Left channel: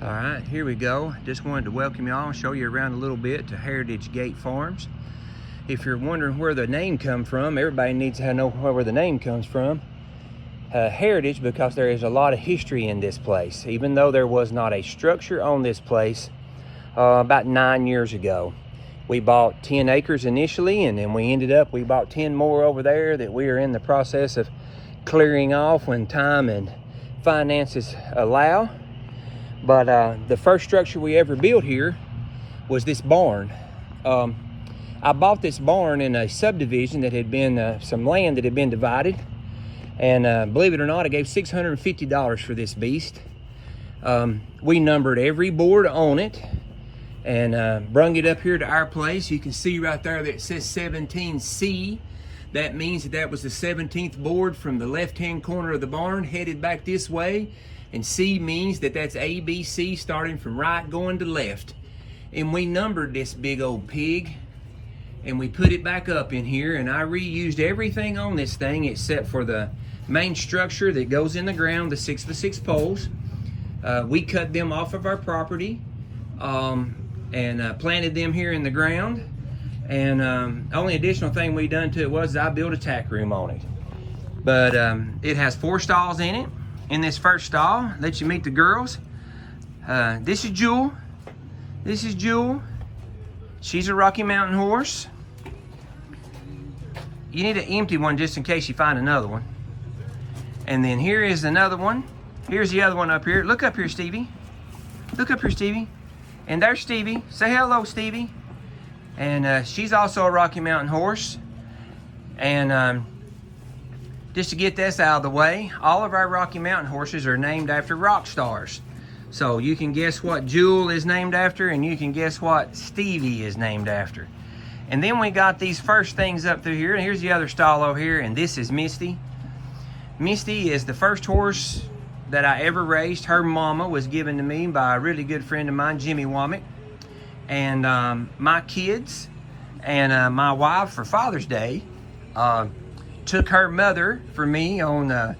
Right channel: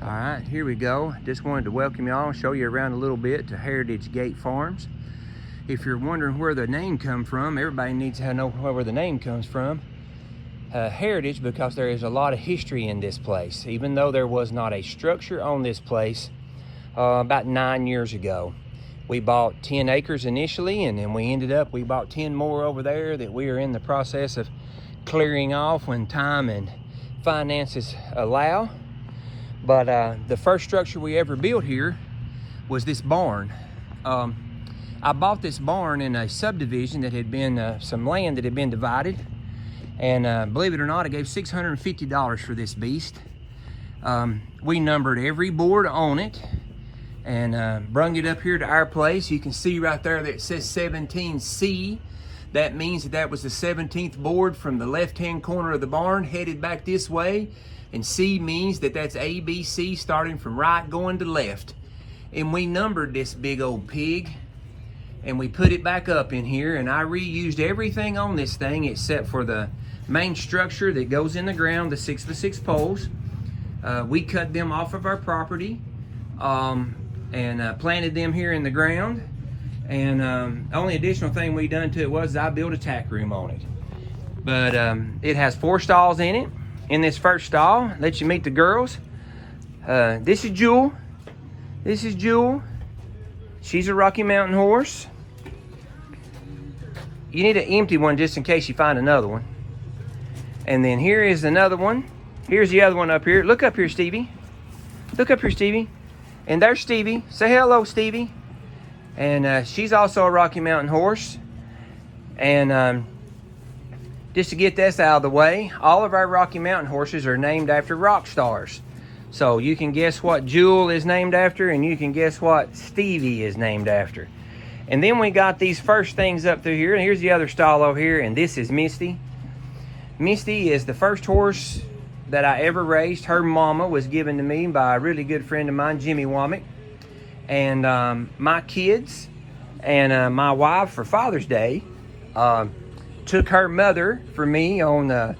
All right, here we go. Just wanted to welcome y'all and show you around a little bit to Heritage Gate Farms. If you're wondering where the name come from, everybody needs to know where the name comes from. Heritage, because there is a lot of history in this place. Even though there was not a structure on this place about 9 years ago. We bought 10 acres initially, and then we bought 10 more over there that we are in the process of clearing off when time and finances allow. But the first structure we ever built here was this barn. I bought this barn in a subdivision that had been some land that had been divided, and believe it or not, I gave $650 for this beast. We numbered every board on it and brung it up here to our place. You can see right there that it says 17C. That means that was the 17th board from the left-hand corner of the barn headed back this way. And C means that that's ABC, starting from right going to left. And we numbered this big old pig, and we put it back up in here, and I reused everything on this thing except for the main structure that goes in the ground, the 6x6 poles. We cut them off of our property and planted them here in the ground. And only additional thing we done to it was I built a tack room on it. But it has 4 stalls in it. In this first stall, let you meet the girls. This is Jewel. This is Jewel. She's a Rocky Mountain horse. You need an empty one just in case you find another one. And then here is another one. Here's the other one up here. Look up here, Stevie. Look up here, Stevie. And there's Stevie. Say hello, Stevie. And she's also a Rocky Mountain horse. And just to get this out of the way, all of our Rocky Mountain horses are named after rock stars. So you can guess what Jewel is named after, and you can guess what Stevie is named after. And then we got these first things up through here, and here's the other stall over here, and this is Misty. Misty is the first horse that I ever raised. Her mama was given to me by a really good friend of mine, Jimmy Womack. And my kids and my wife for Father's Day took her mother for me on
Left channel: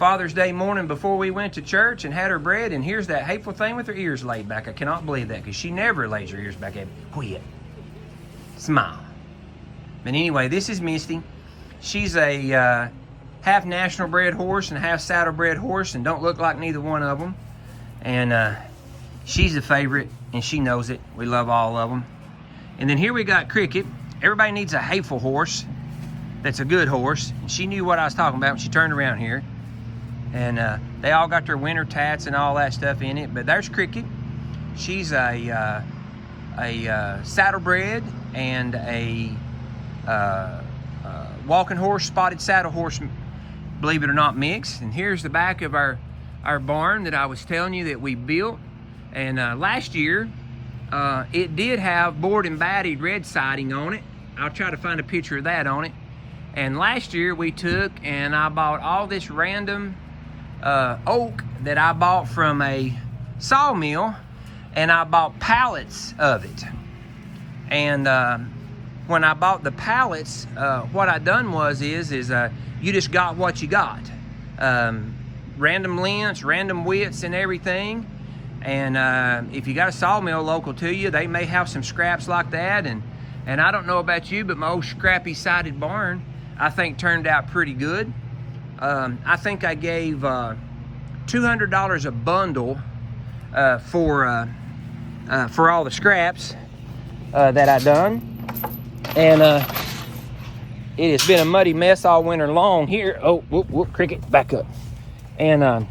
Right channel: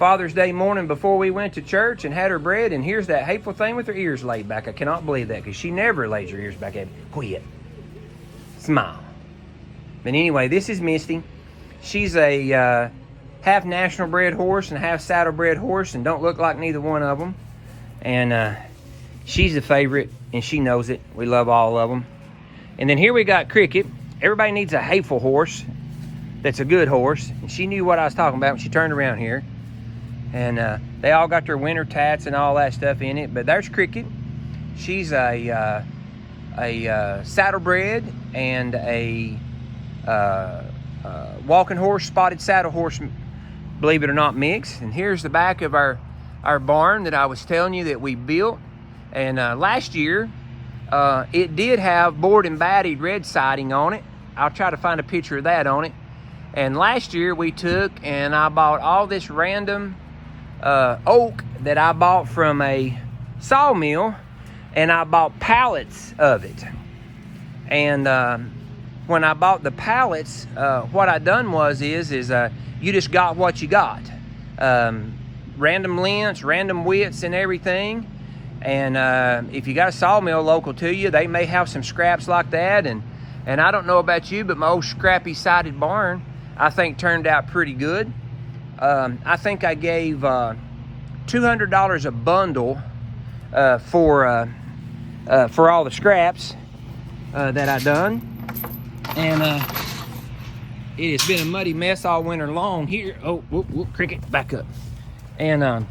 Father's Day morning before we went to church and had her bred. And here's that hateful thing with her ears laid back. I cannot believe that, because she never lays her ears back. Quit. Smile. But anyway, this is Misty. She's a half national bred horse and half saddle bred horse, and don't look like neither one of them. And she's a favorite, and she knows it. We love all of them. And then here we got Cricket. Everybody needs a hateful horse that's a good horse. And she knew what I was talking about when she turned around here. And they all got their winter tats and all that stuff in it. But there's Cricket. She's a saddlebred and a walking horse, spotted saddle horse, believe it or not, mix. And here's the back of our barn that I was telling you that we built. And last year, it did have board and batted red siding on it. I'll try to find a picture of that on it. And last year we took and I bought all this random oak that I bought from a sawmill, and I bought pallets of it. And when I bought the pallets, what I done was you just got what you got. Random lengths, random widths and everything. And if you got a sawmill local to you, they may have some scraps like that. And I don't know about you, but my old scrappy sided barn, I think, turned out pretty good. I think I gave $200 a bundle for all the scraps that I done. And it has been a muddy mess all winter long here. Oh, whoop, whoop, Cricket, back up. And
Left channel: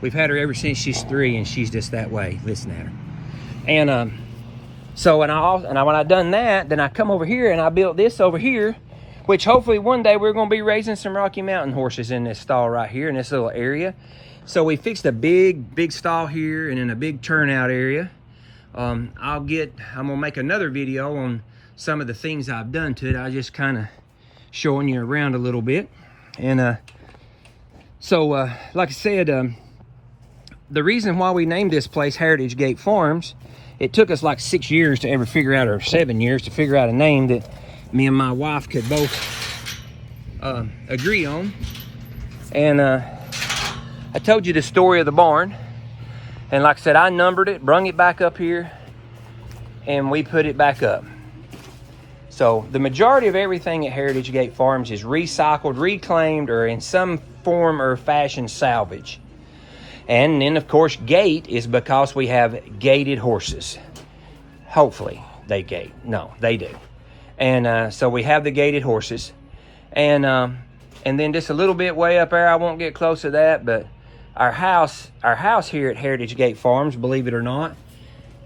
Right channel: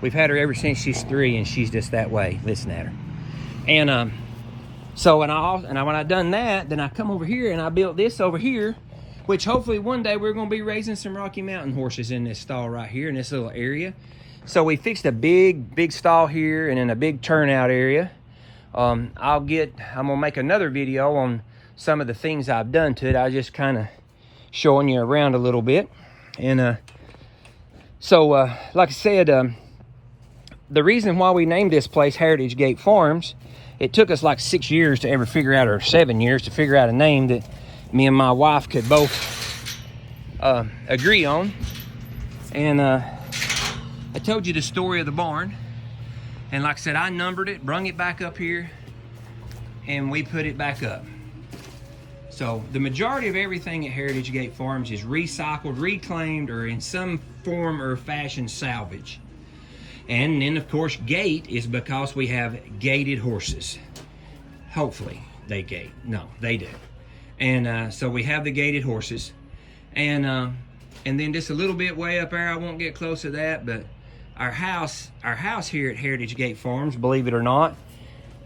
we've had her ever since she's 3, and she's just that way. Listen at her. And so when I done that, then I come over here and I built this over here, which hopefully one day we're going to be raising some Rocky Mountain horses in this stall right here in this little area. So we fixed a big stall here and then a big turnout area. I'm gonna make another video on some of the things I've done to it. I was just kind of showing you around a little bit. And so like I said, the reason why we named this place Heritage Gate Farms, it took us like 6 years to ever figure out, or 7 years to figure out a name that me and my wife could both agree on. And I told you the story of the barn, and like I said, I numbered it, brung it back up here, and we put it back up. So the majority of everything at Heritage Gate Farms is recycled, reclaimed, or in some form or fashion salvage. And then of course gate is because we have gated horses. Hopefully they gate. No, they do. And so we have the gated horses. And then just a little bit way up there, I won't get close to that, but our house here at Heritage Gate Farms, believe it or not,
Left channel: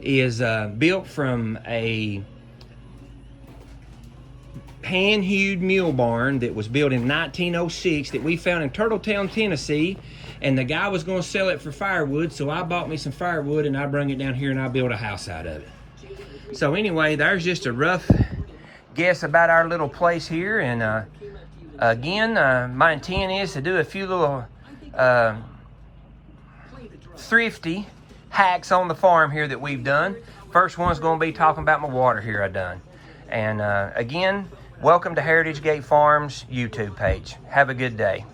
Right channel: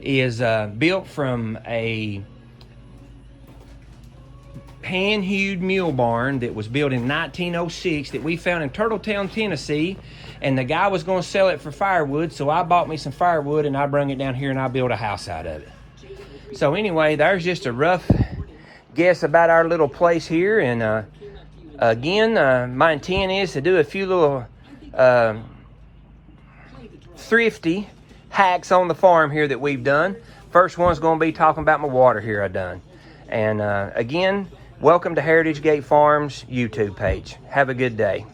is built from a pan-hewed mule barn that was built in 1906 that we found in Turtletown, Tennessee, and the guy was going to sell it for firewood, so I bought me some firewood and I brung it down here and I built a house out of it. So anyway, there's just a rough guess about our little place here, and again, my intent is to do a few little thrifty hacks on the farm here that we've done. First one's going to be talking about my water here I done. And again, welcome to Heritage Gate Farms YouTube page. Have a good day.